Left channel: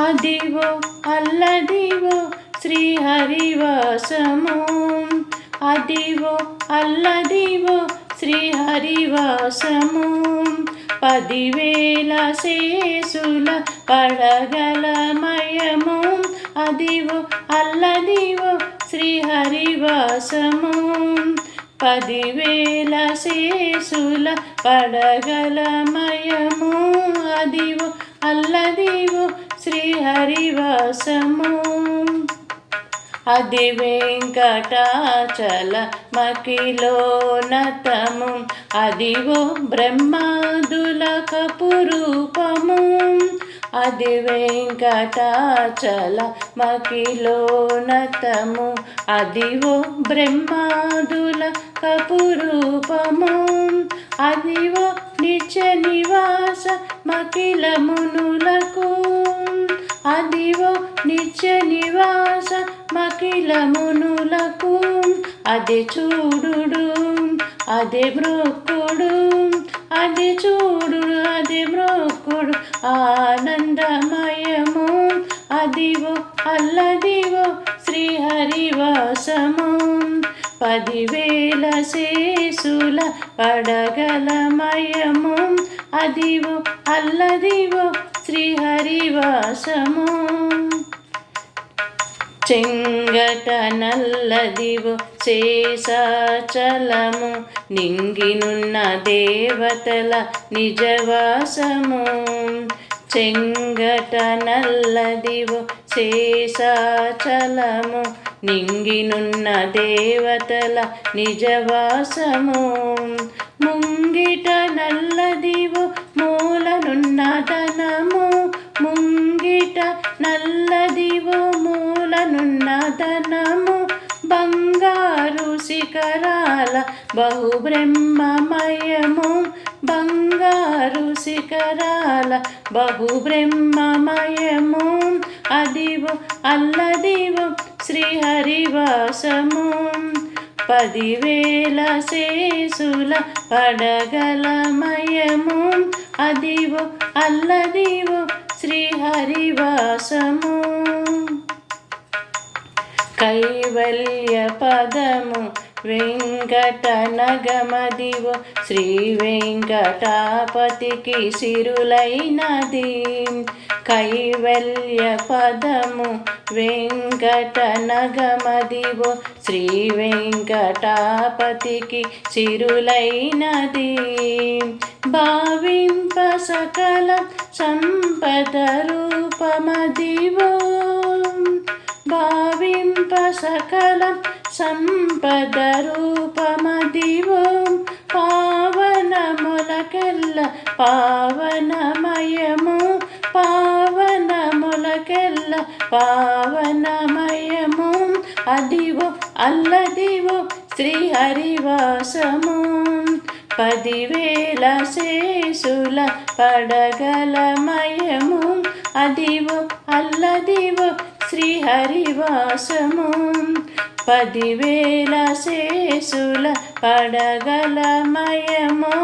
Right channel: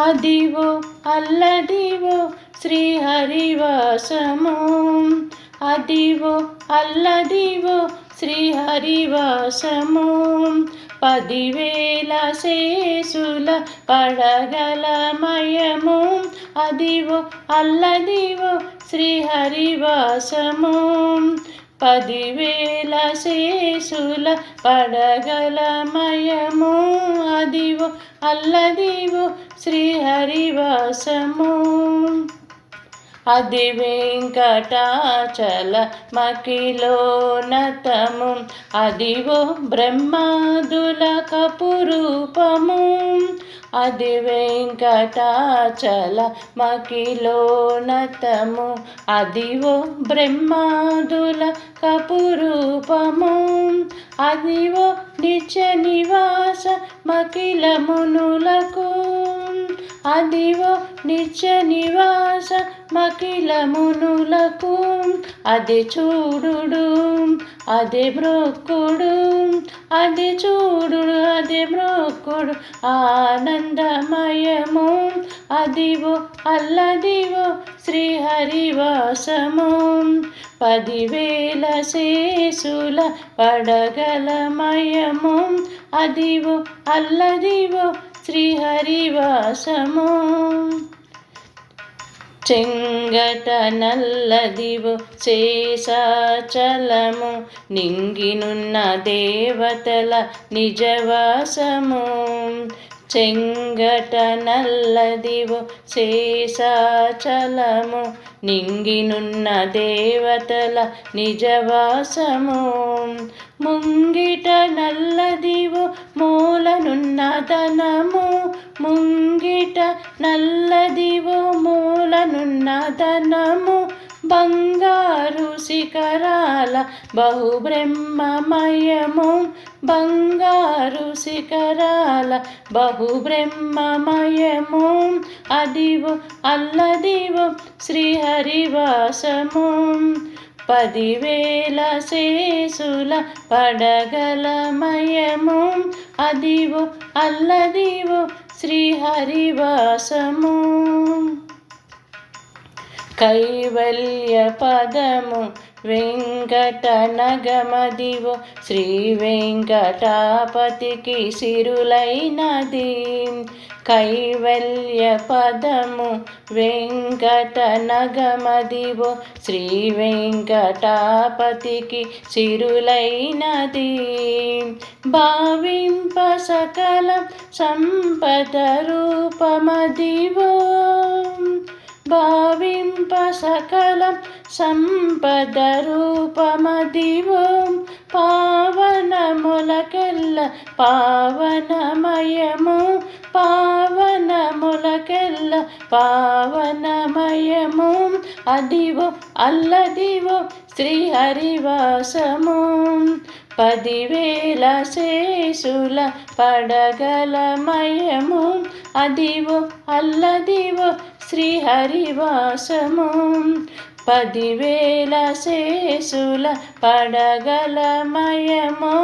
అదివో అల్లదివో శ్రీహరివాసము. అదివో అల్లదివో శ్రీహరివాసము. 10,000 శేషుల పడగలమయము. అదివో అల్లదివో శ్రీహరివాసము. 10,000 శేషుల పడగలమయము. అదివో అల్లదివో శ్రీహరివాసము. అది వెంకటాచల మకిలోనతము. అదివో బ్రహ్మాదుల కపురూపము. అది వెంకటాచల మకిలోనతము. అదివో బ్రహ్మాదుల కపురూపము. అదివో నిత్య నివాస మకిల మునులకు. అదివో నిత్య నివాస మకిల మునులకు. అది చూడుడు అది మ్రొక్కుడు. అది చూడుడు అది మ్రొక్కుడు ఆనందమయము. అదివో అల్లదివో శ్రీహరివాసము. 10,000 శేషుల పడగలమయము. అదివో అల్లదివో శ్రీహరివాసము. చెంగట నల్లదివో శేషాచలము. నింగినున్న దేవతల నిజవాసము. చెంగట నల్లదివో శేషాచలము. నింగినున్న దేవతల నిజవాసము. ముంగిట నల్లదివో మూలనున్న ధనము. ముంగిట నల్లదివో మూలనున్న ధనము. బంగారు శిఖరాల బహుబ్రహ్మమయము. బంగారు శిఖరాల బహుబ్రహ్మమయము. అదివో అల్లదివో శ్రీహరివాసము. 10,000 శేషుల పడగలమయము. అదివో అల్లదివో శ్రీహరివాసము. కైవల్య పదము వెంకట నగమదివో శ్రీ వెంకటాపతికి సిరులైనది. కైవల్య పదము వెంకట నగమదివో శ్రీ వెంకటాపతికి సిరులైనది. భావింప సకల సంపద రూపమదివో. భావింప సకల సంపద రూపమదివో. పావనములకెల్ల పావనమయము. పావనములకెల్ల పావనమయము. అదివో అల్లదివో శ్రీహరివాసము. 10,000 శేషుల పడగలమయము. అదివో అల్లదివో శ్రీహరివాసము. 10,000 శేషుల పడగలమయము.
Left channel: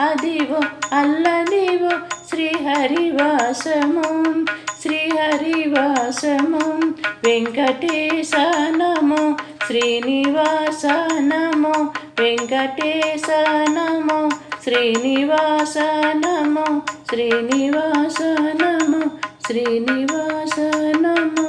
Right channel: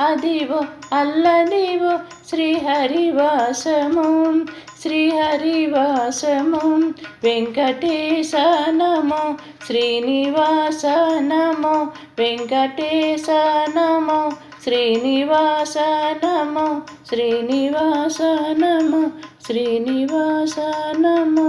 అదివో అల్లదివో శ్రీహరివాసము. శ్రీహరివాసము. వెంకటేశ నమో శ్రీనివాస నమో. వెంకటేశ నమో శ్రీనివాస నమో. శ్రీనివాస నమో శ్రీనివాస నమో.